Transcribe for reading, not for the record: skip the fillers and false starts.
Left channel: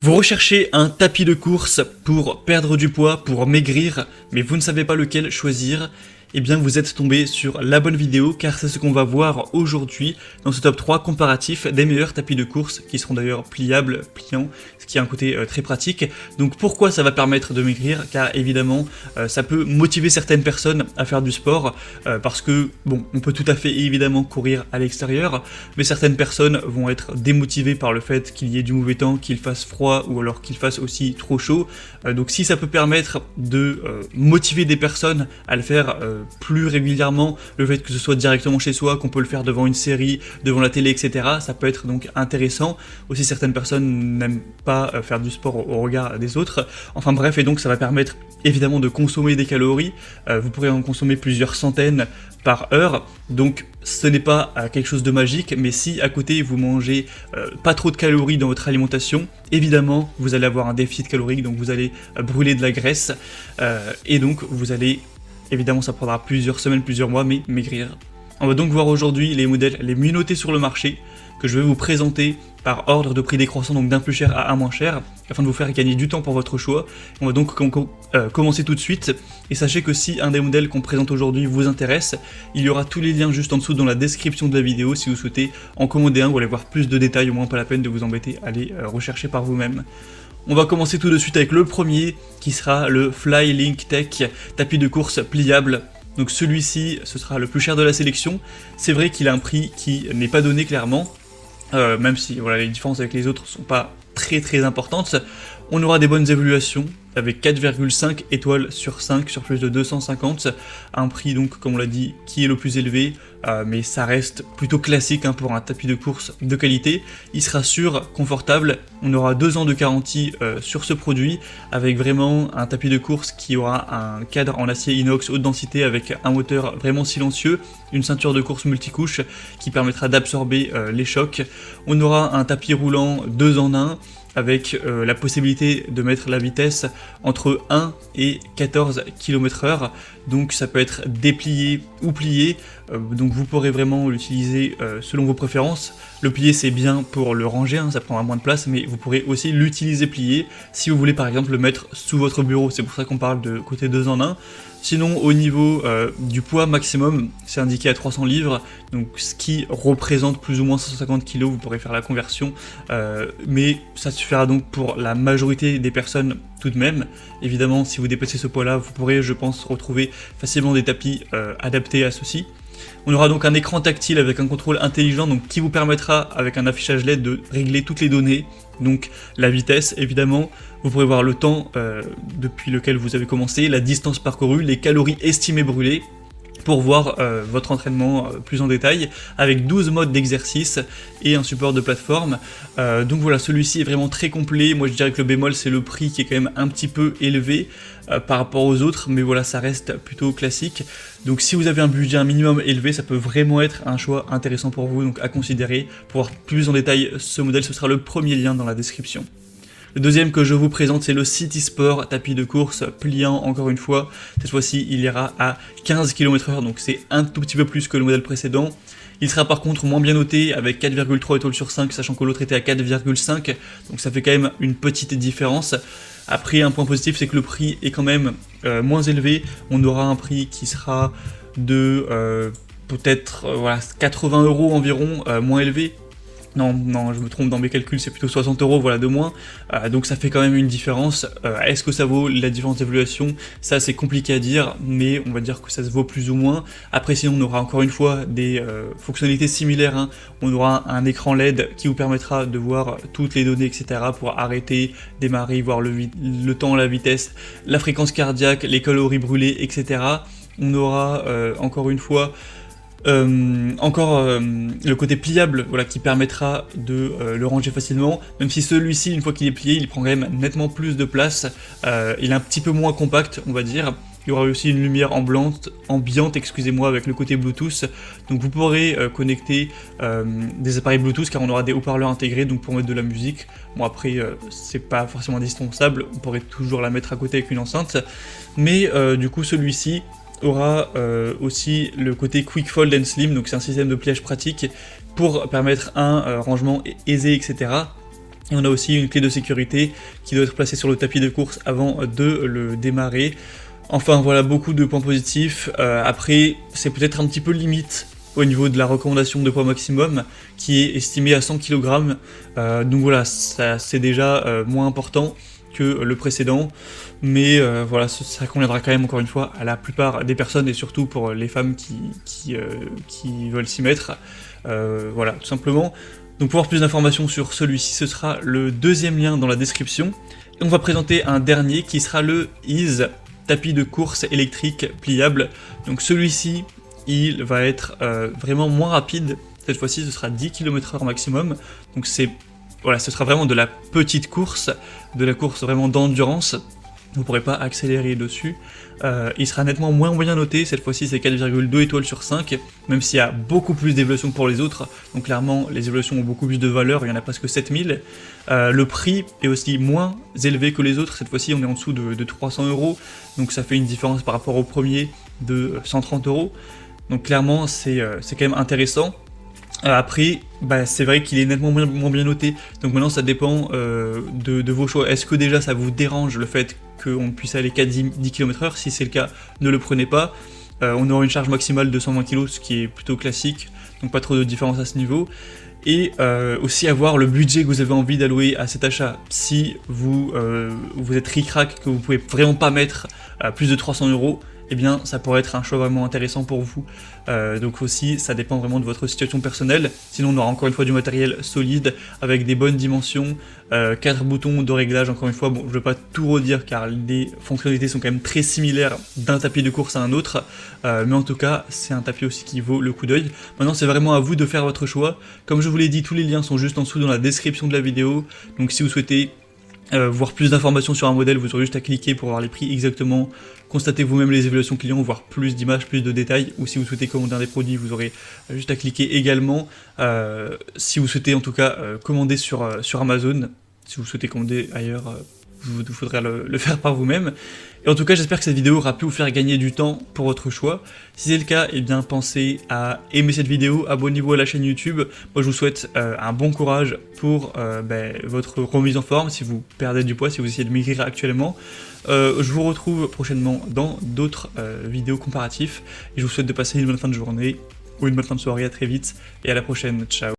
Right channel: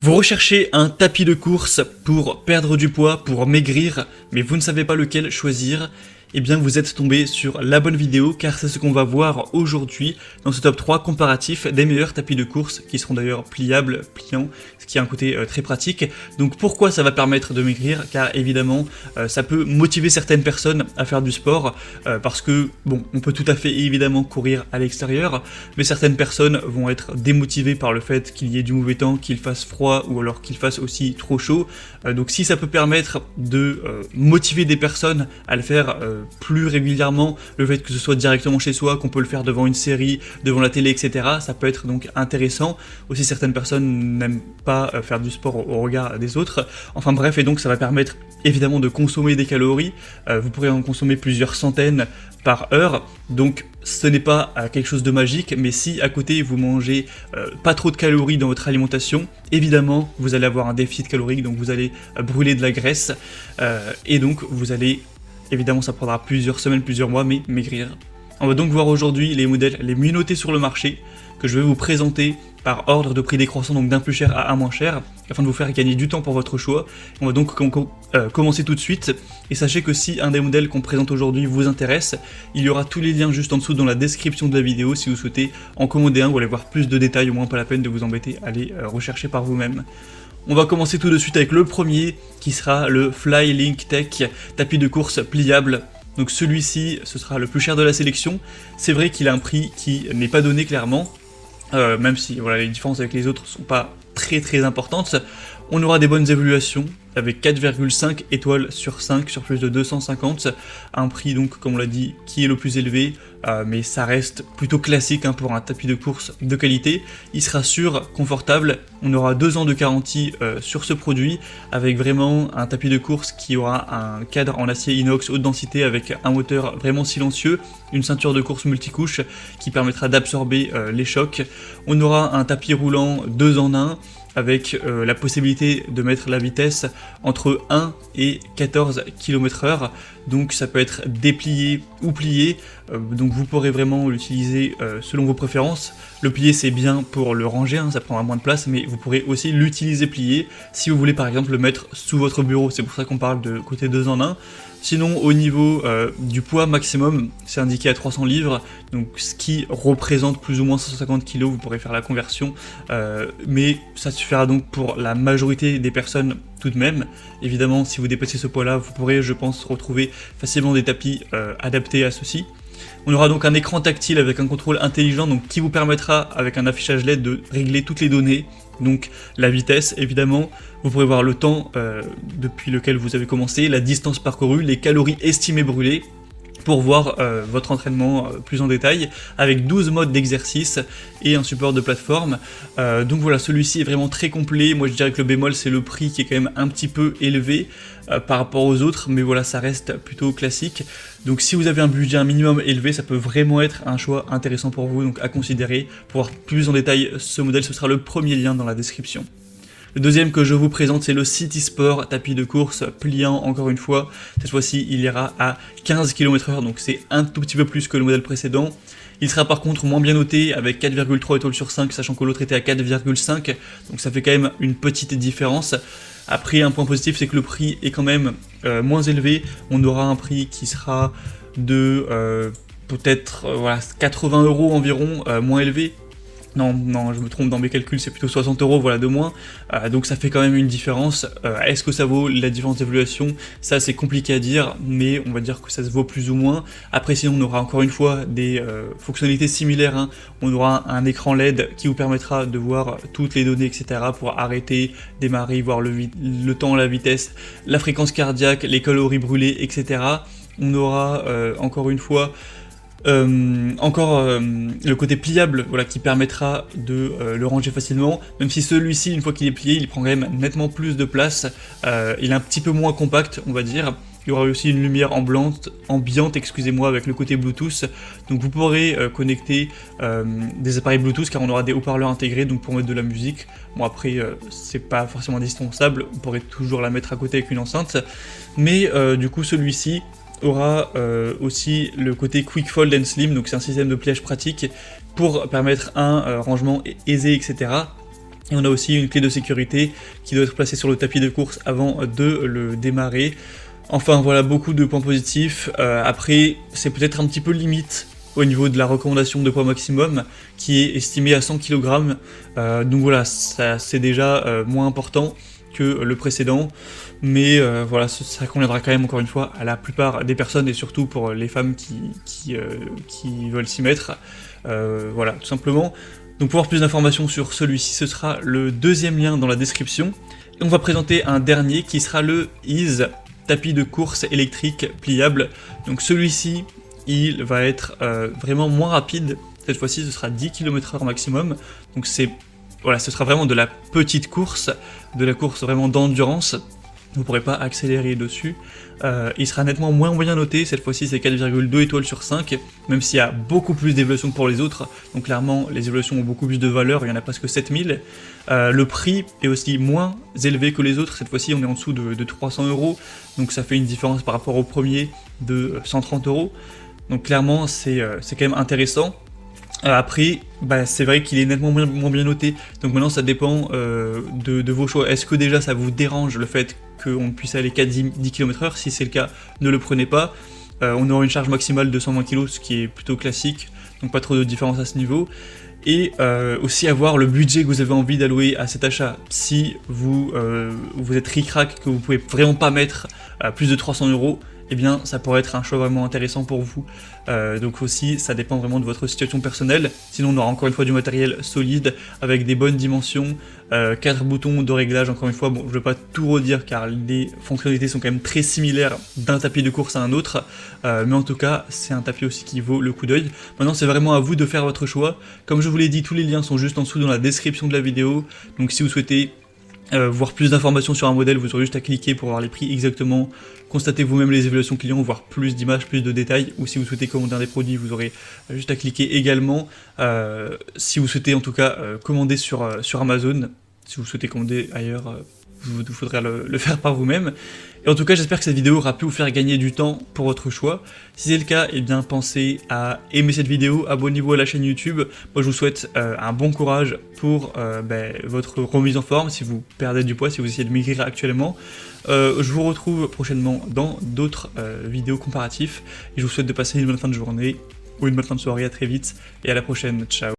Vous recherchez un tapis de course pour perdre du poids, pour maigrir, mais vous ne savez pas lequel choisir? Eh bien, vous êtes tombé sur la bonne vidéo, car c'est ce qu'on va voir aujourd'hui dans ce top 3 comparatif des meilleurs tapis de course, qui seront d'ailleurs pliables, pliants, ce qui a un côté très pratique. Donc pourquoi ça va permettre de maigrir? Car évidemment, ça peut motiver certaines personnes à faire du sport, parce que on peut tout à fait évidemment courir à l'extérieur, mais certaines personnes vont être démotivées par le fait qu'il y ait du mauvais temps, qu'il fasse froid ou alors qu'il fasse aussi trop chaud. Donc si ça peut permettre de motiver des personnes à le faire plus régulièrement, le fait que ce soit directement chez soi, qu'on peut le faire devant une série, devant la télé, etc., ça peut être donc intéressant. Aussi certaines personnes n'aiment pas faire du sport au regard des autres. Enfin bref, et donc ça va permettre évidemment de consommer des calories. Vous pourrez en consommer plusieurs centaines par heure, donc ce n'est pas quelque chose de magique, mais si à côté vous mangez pas trop de calories dans votre alimentation, évidemment vous allez avoir un déficit calorique, donc vous allez brûler de la graisse, et donc vous allez, évidemment ça prendra plusieurs semaines, plusieurs mois, mais maigrir. On va donc voir aujourd'hui les modèles les mieux notés sur le marché, que je vais vous présenter par ordre de prix décroissant, donc d'un plus cher à un moins cher, afin de vous faire gagner du temps pour votre choix. On va donc commencer tout de suite, et sachez que si un des modèles qu'on présente aujourd'hui vous intéresse, il y aura tous les liens juste en dessous dans la description de la vidéo si vous souhaitez en commander un ou aller voir plus de détails, au moins pas la peine de vous embêter à les rechercher par vous-même. On va commencer tout de suite avec le premier, qui sera le Flylink Tech, tapis de course pliable. Donc celui-ci, ce sera le plus cher de la sélection. C'est vrai qu'il a un prix qui n'est pas donné clairement, même si voilà, les différences avec les autres ne sont pas très importantes. On aura des bonnes évaluations, avec 4,5 étoiles sur 5 sur plus de 250. Un prix donc, comme on l'a dit, qui est le plus élevé, mais ça reste plutôt classique hein, pour un tapis de course de qualité. Il sera sûr, confortable. On aura 2 ans de garantie sur ce produit, avec vraiment un tapis de course qui aura un cadre en acier inox haute densité avec un moteur vraiment silencieux, une ceinture de course multicouche qui permettra d'absorber les chocs. On aura un tapis roulant 2 en 1, avec la possibilité de mettre la vitesse entre 1 et 14 km/h. Donc ça peut être déplié ou plié, donc vous pourrez vraiment l'utiliser selon vos préférences. Le plié c'est bien pour le ranger, hein, ça prendra moins de place, mais vous pourrez aussi l'utiliser plié si vous voulez par exemple le mettre sous votre bureau. C'est pour ça qu'on parle de côté 2 en 1. Sinon, au niveau du poids maximum, c'est indiqué à 300 livres, donc ce qui représente plus ou moins 150 kg, vous pourrez faire la conversion, mais ça suffira donc pour la majorité des personnes tout de même. Évidemment, si vous dépassez ce poids-là, vous pourrez, je pense, retrouver facilement des tapis adaptés à ceci. On aura donc un écran tactile avec un contrôle intelligent, donc qui vous permettra, avec un affichage LED, de régler toutes les données, donc la vitesse évidemment. Vous pourrez voir le temps depuis lequel vous avez commencé, la distance parcourue, les calories estimées brûlées, pour voir votre entraînement plus en détail, avec 12 modes d'exercice et un support de plateforme. Donc voilà, celui-ci est vraiment très complet. Moi je dirais que le bémol c'est le prix qui est quand même un petit peu élevé par rapport aux autres, mais voilà, ça reste plutôt classique. Donc si vous avez un budget un minimum élevé, ça peut vraiment être un choix intéressant pour vous, donc à considérer. Pour plus en détail ce modèle, ce sera le premier lien dans la description. Le deuxième que je vous présente, c'est le City Sport, tapis de course pliant encore une fois. Cette fois-ci, il ira à 15 km/h, donc c'est un tout petit peu plus que le modèle précédent. Il sera par contre moins bien noté, avec 4,3 étoiles sur 5, sachant que l'autre était à 4,5, donc ça fait quand même une petite différence. Après, un point positif, c'est que le prix est quand même moins élevé. On aura un prix qui sera de peut-être voilà, 80 € environ, moins élevé. Non, je me trompe dans mes calculs, c'est plutôt 60 € voilà, de moins, donc ça fait quand même une différence. Est-ce que ça vaut la différence d'évaluation? Ça c'est compliqué à dire, mais on va dire que ça se vaut plus ou moins. Après sinon on aura encore une fois des fonctionnalités similaires, hein. On aura un écran LED qui vous permettra de voir toutes les données, etc. pour arrêter, démarrer, voir le temps, la vitesse, la fréquence cardiaque, les calories brûlées, etc. On aura encore une fois le côté pliable, voilà, qui permettra de le ranger facilement, même si celui-ci, une fois qu'il est plié, il prend quand même nettement plus de place, il est un petit peu moins compact, on va dire. Il y aura aussi une lumière ambiante, excusez-moi, avec le côté Bluetooth, donc vous pourrez connecter des appareils Bluetooth, car on aura des haut-parleurs intégrés, donc pour mettre de la musique. Bon après, c'est pas forcément indispensable, on pourrait toujours la mettre à côté avec une enceinte, mais du coup celui-ci aura aussi le côté Quick Fold and Slim, donc c'est un système de pliage pratique pour permettre un rangement aisé, etc. Et on a aussi une clé de sécurité qui doit être placée sur le tapis de course avant de le démarrer. Enfin voilà, beaucoup de points positifs. Après, c'est peut-être un petit peu limite au niveau de la recommandation de poids maximum qui est estimée à 100 kg. Donc voilà, ça c'est déjà moins important que le précédent. Mais voilà, ça conviendra quand même encore une fois à la plupart des personnes et surtout pour les femmes qui veulent s'y mettre. Voilà, tout simplement. Donc pour avoir plus d'informations sur celui-ci, ce sera le deuxième lien dans la description. Et on va présenter un dernier qui sera le Ease tapis de course électrique pliable. Donc celui-ci, il va être vraiment moins rapide. Cette fois-ci, ce sera 10 km/h maximum. Donc voilà, ce serait vraiment de la petite course, de la course vraiment d'endurance. Vous ne pourrez pas accélérer dessus. Il sera nettement moins bien noté, cette fois-ci c'est 4,2 étoiles sur 5, même s'il y a beaucoup plus d'évaluations que pour les autres, donc clairement les évaluations ont beaucoup plus de valeur, il y en a presque 7000. Le prix est aussi moins élevé que les autres, cette fois-ci on est en dessous de 300 €, donc ça fait une différence par rapport au premier de 130 €. Donc clairement c'est quand même intéressant. Après, c'est vrai qu'il est nettement moins bien noté, donc maintenant ça dépend de vos choix. Est-ce que déjà ça vous dérange le fait qu'on puisse aller qu'à 10 km/h? Si c'est le cas, ne le prenez pas. On aura une charge maximale de 120 kg, ce qui est plutôt classique, donc pas trop de différence à ce niveau. Et aussi avoir le budget que vous avez envie d'allouer à cet achat. Si vous êtes ric-rac, que vous pouvez vraiment pas mettre plus de 300 €, eh bien ça pourrait être un choix vraiment intéressant pour vous. Donc aussi ça dépend vraiment de votre situation personnelle, sinon on aura encore une fois du matériel solide avec des bonnes dimensions, 4 boutons de réglage encore une fois. Bon, je ne vais pas tout redire car les fonctionnalités sont quand même très similaires d'un tapis de course à un autre, mais en tout cas c'est un tapis aussi qui vaut le coup d'œil. Maintenant c'est vraiment à vous de faire votre choix. Comme je vous l'ai dit, tous les liens sont juste en dessous dans la description de la vidéo, donc si vous souhaitez voir plus d'informations sur un modèle, vous aurez juste à cliquer pour voir les prix exactement, constatez vous-même les évaluations clients, voir plus d'images, plus de détails, ou si vous souhaitez commander un des produits, vous aurez juste à cliquer également. Si vous souhaitez en tout cas commander sur Amazon, si vous souhaitez commander ailleurs, vous faudra le faire par vous-même. Et en tout cas, j'espère que cette vidéo aura pu vous faire gagner du temps pour votre choix. Si c'est le cas, eh bien pensez à aimer cette vidéo, abonnez-vous à la chaîne YouTube. Moi, je vous souhaite un bon courage pour votre remise en forme, si vous perdez du poids, si vous essayez de maigrir actuellement. Je vous retrouve prochainement dans d'autres vidéos comparatifs. Et je vous souhaite de passer une bonne fin de journée ou une bonne fin de soirée. À très vite et à la prochaine. Ciao.